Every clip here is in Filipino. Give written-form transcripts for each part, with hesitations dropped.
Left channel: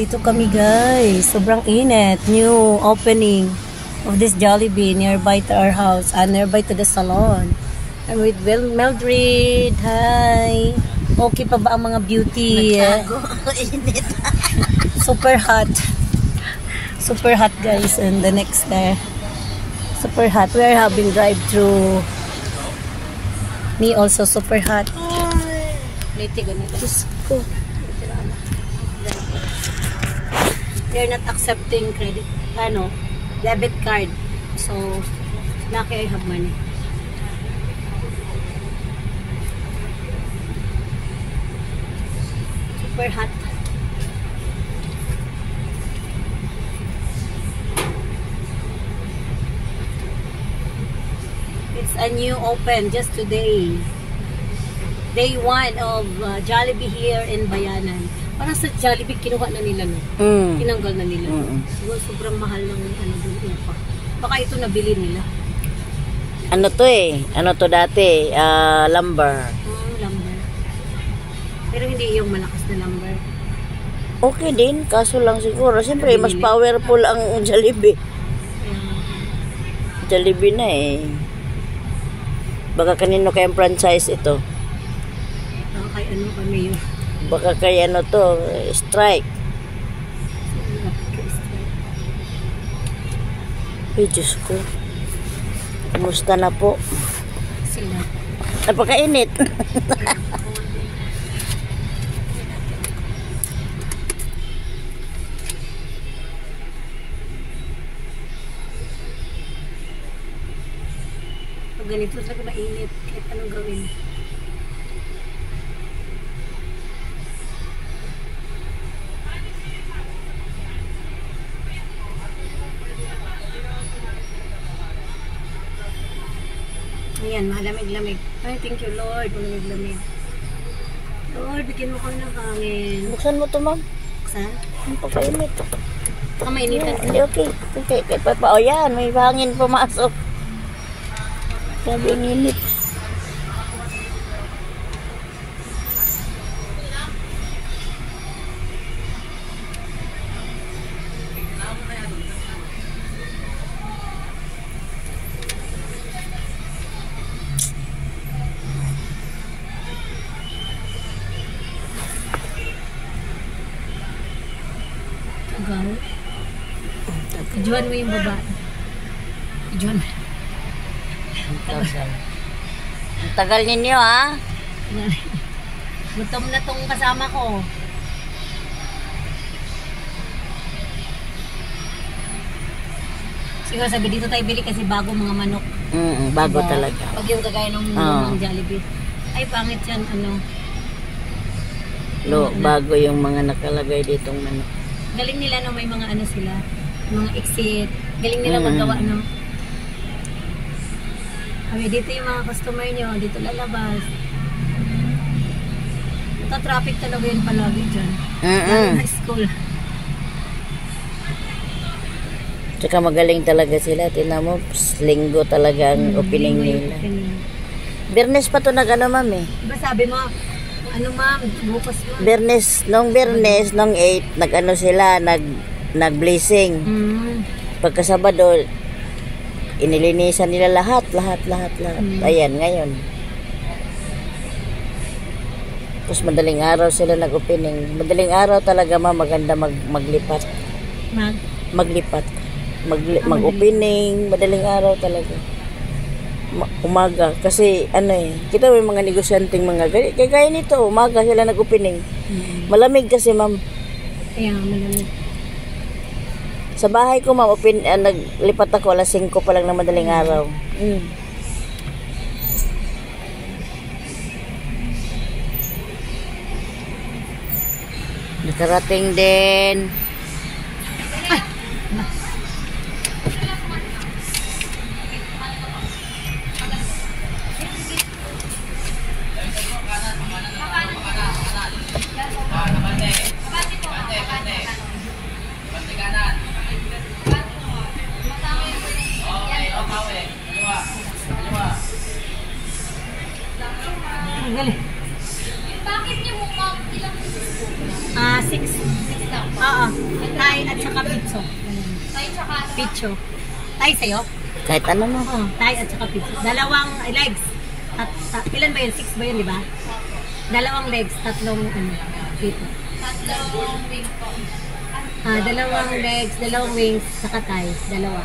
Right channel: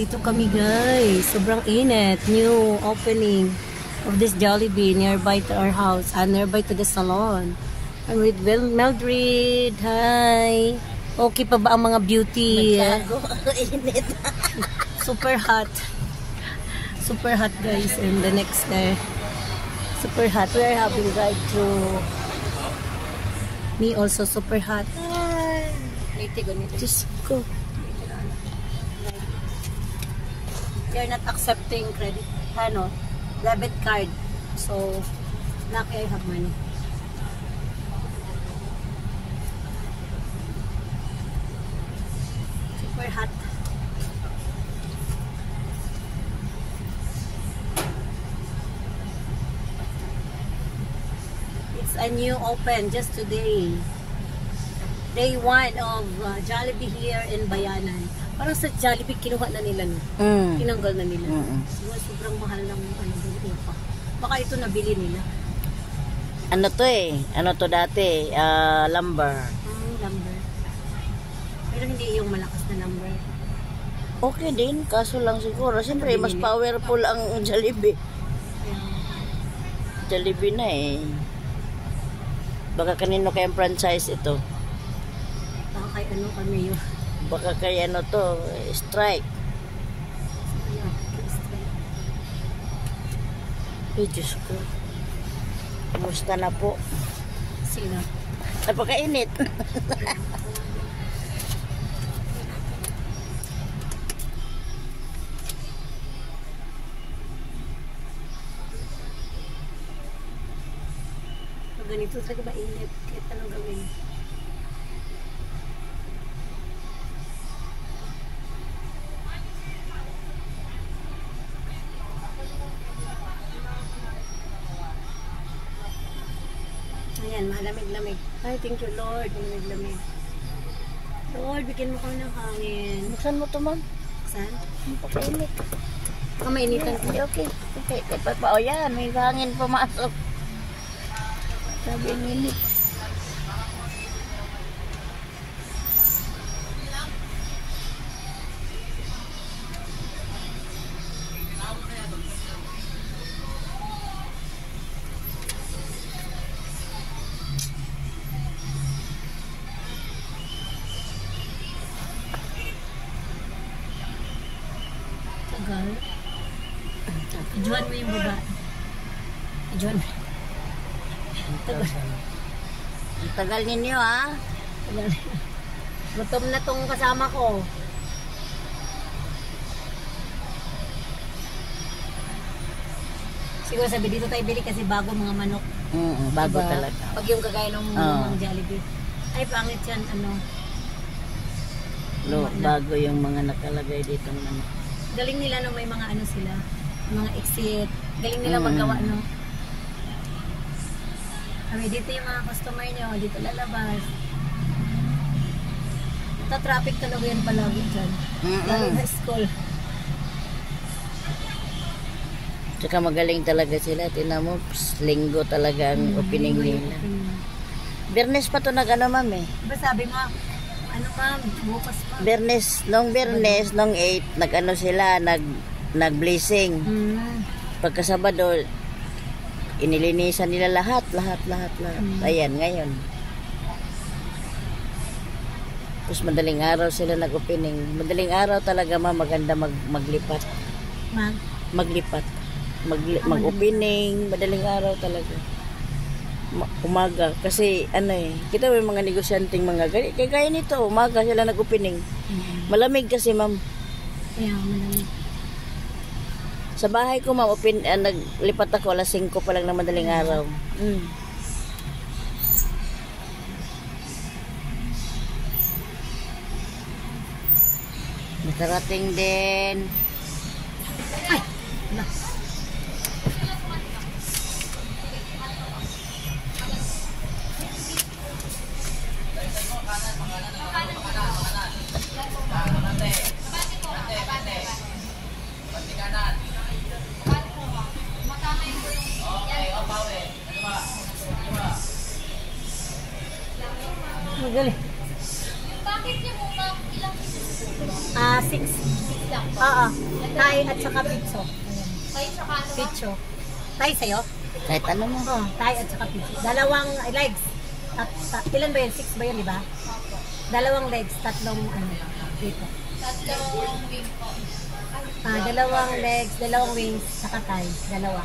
Dito kami guys. Sobrang init. New opening of this Jollibee nearby to our house. Nearby to the salon. I'm with Mildred. Hi. Okay pa ba ang mga beauty? Super hot. Super hot guys. And the next there. Super hot. We are having drive-thru. Me also super hot. Diyos ko. They're not accepting credit, debit card. So, lucky I have money. Super hot. It's a new open just today. Day 1 of Jollibee here in Bayanan. Para sa Jollibee, kinuha na nila, no? Tinanggal na nila. Siguro sobrang mahal ng doon pa. Baka ito nabili nila. Ano to eh? Ano to dati? Lumber. Lumber. Pero hindi yung malakas na lumber. Okay din, kaso lang siguro. Siyempre, mas powerful ang Jollibee. Jollibee na eh. Baka kanino kayang franchise ito? Kay ano kami yun? Baka kay ano to, strike. Ay, Diyos ko. Kumusta na po? Sila. Napakainit. Pag ganito talaga mainit, kahit anong gawin. Ayan, malamig-lamig. Ay, thank you Lord, malamig-lamig. Lord, bigyan mo kami ng hangin. Buksan mo to, ma'am. Buksan? Napakainit. Baka mainitan ka. Okay. Okay, papa. O yan, may hangin pumasok. Sabi ang init. Ijuan mo yung baba. Ijuan mo. Ang tagal ninyo, ha? Gutom na tong kasama ko. Siguro sabi dito tayo bili kasi bago mga manok. Bago talaga. Pag yung kagaya ng Jollibee. Ay, pangit yan, Bago yung mga nakalagay ditong manok. Galing nila, may mga sila. Mga exit. Galing nila magawa, dito yung mga customer nyo. Dito lalabas. Traffic talaga yun palagi dyan. Lalo na school. Tsaka magaling talaga sila. Tingnan mo, linggo talaga ang opening nila. Bernes pa to ma'am eh. Diba sabi mo, ma'am, bukas ma'am. Nung 8, sila, nag-blessing. Pagka Sabado, inilinisan nila lahat. Ayan, ngayon. Tapos madaling araw sila nag-opening. Madaling araw talaga maganda maglipat. Maglipat. Mag-opening. Madaling araw talaga. Umaga. Kasi kita may mga negosyanteng kagaya nito, umaga sila nag-opening. Malamig kasi ma'am. Kaya malamig. Sa bahay ko, ma'am, naglipat ako, alas 5 pa lang na madaling araw. Nakarating din. Galing. Bakit niyo mo ilang pieces po? 6. Oo. Thai at saka pitso. Pitso. Thai sa'yo? Kahit ano mo. Oo. Thai at saka pitso. Dalawang legs. Ilan ba yun? 6 ba yun, di ba? Dalawang legs, tatlong pito. Tatlong wing po. Dalawang legs, dalawang wings, saka Thai. Dalawa.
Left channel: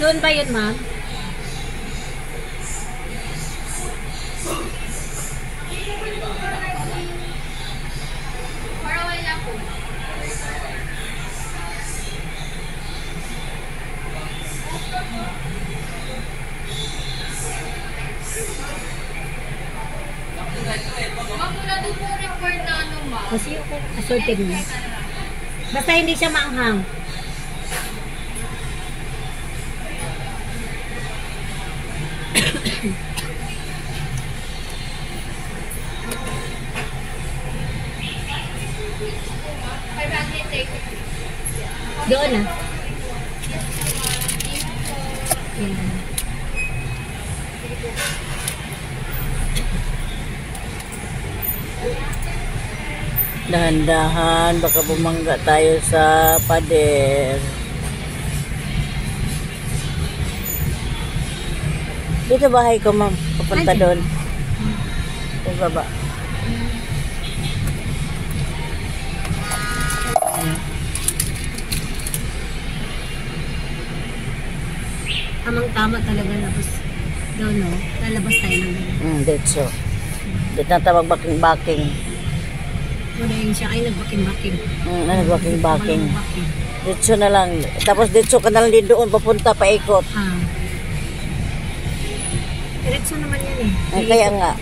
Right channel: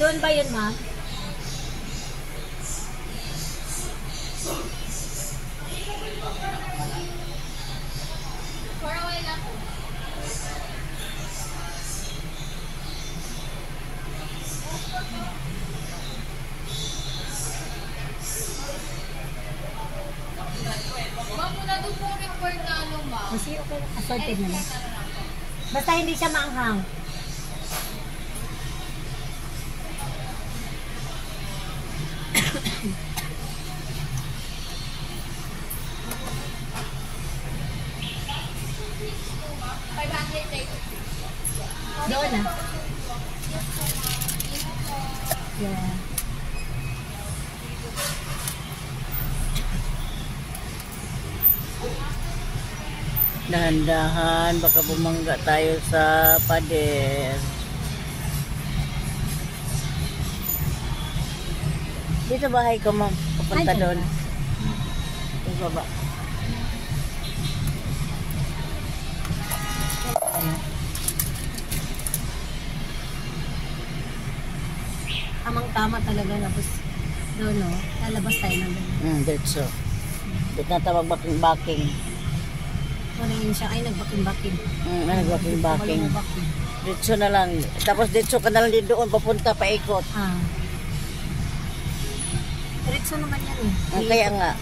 Doon ba yun, ma'am? For a while lang po. Ma'am, wala doon po record na ano, ma'am. Kasi okay, assorted mo na. Basta hindi siya maanghang. Doon Yeah. Dahan-dahan, baka bumangga tayo sa pader. Dito bahay ko, ma'am. Papunta doon. Sa baba. Tamang-tama talaga labas. Doon, no? Lalabas tayo ng ganyan. Dito. Dito na tawag baking-baking. Wala yun siya. Ay, nagbaking-baking. Nagbaking-baking. Dito na lang. Tapos dito ka na lang din doon. Papunta, paikot. Diretso naman yan eh. Kaya nga.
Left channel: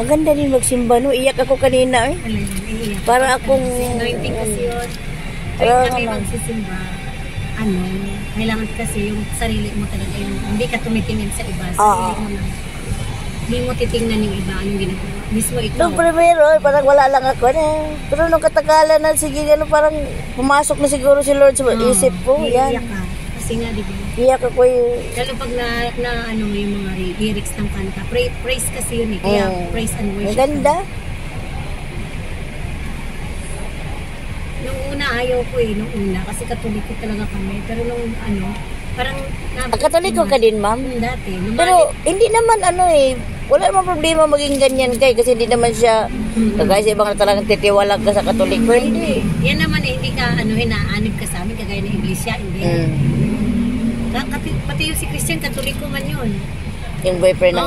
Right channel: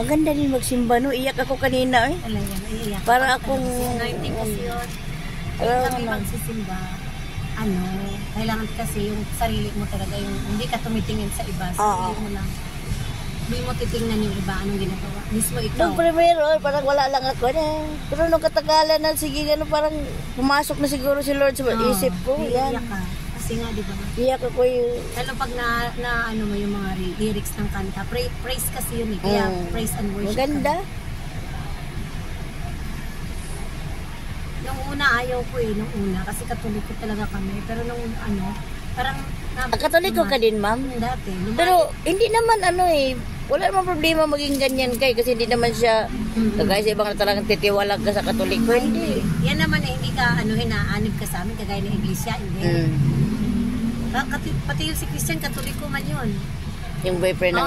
Maganda din magsimba, no? Iyak ako kanina, eh. Iiyak. Para akong... Anointing kasi yun. Kaya kami magsisimba. Kailangan kasi yung sarili mo talaga. Yung hindi ka tumitingin sa iba. Sarili mo lang. Hindi mo titingnan yung iba. Anong ginagawa. Mismo ikaw. Nung primero, parang wala lang ako. Pero nung katagalan na, sige, parang pumasok na siguro si Lord sa isip ko. Yan. Iiyak ka. Kasi nga, di ba? Iyak ako yung... Lalo pag na ano mo yung mga lyrics ng kanta. Praise kasi yun eh. Kaya praise and worship. Ang ganda. Nung una, ayaw ko eh. Nung una. Kasi katoliko talaga kami. Pero nung parang... Katoliko ka din, ma'am? Dati. Pero hindi naman wala naman problema maging ganyan kay kasi hindi naman siya kagaya sa ibang talagang titiwalag ka sa katoliko. Hindi. Yan naman eh, hindi ka hinaanib ka sa amin kagaya ng iglesia. Hindi. Pati yung si Christian, katoliko man yun. Yung boyfriend ng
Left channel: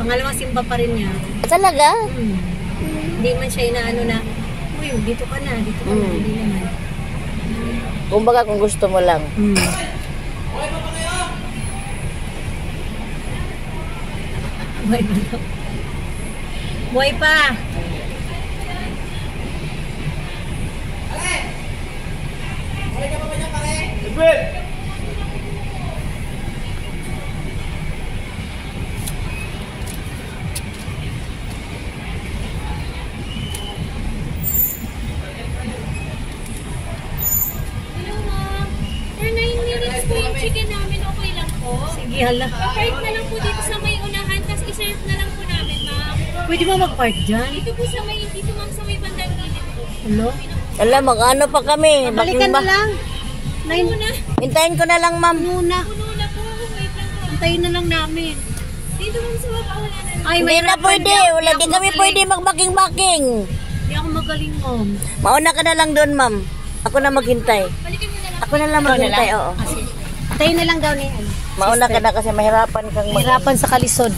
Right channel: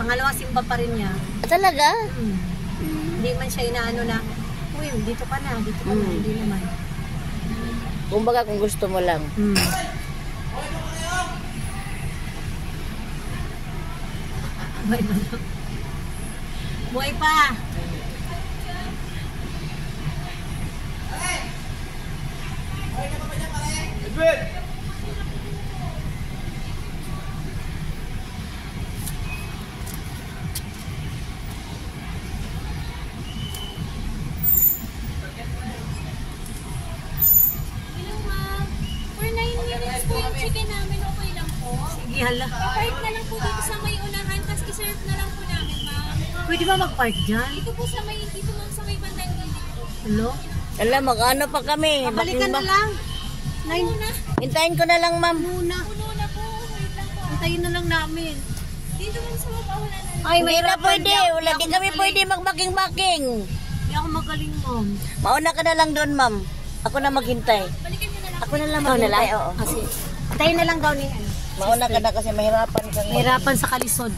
Pangalawang simba pa rin niya. Talaga? Hindi man siya inaano na, uy, dito ka na. Hindi naman. Kumbaga kung gusto mo lang. Buhay pa daw. Buhay pa! Hala. Pa-park na lang po dito sa may unahan, tapos i-serve na lang po namin, ma'am. Pwede ba mag-park dyan? Dito po sa may, dito ma'am sa may bandang gilid po. Hello? Alam, mag-ano pa kami. Balikan na lang. Hintayin ko na lang, ma'am. Muna. Puno na po, wait lang po. Hintayin na lang namin. Dito ma'am sa baba, wala na. Ay, Hindi na pwede. Di kami pwede magbaking-baking. Hindi ako magaling, ma'am. Mauna ka na lang doon, ma'am. Ako na maghintay. Balikan mo na lang. Ako na lang maghintay, oo. Kasi, hintayin na lang daw ni Mauna ka na kasi mahirapan kang mahirapan sa kalisod.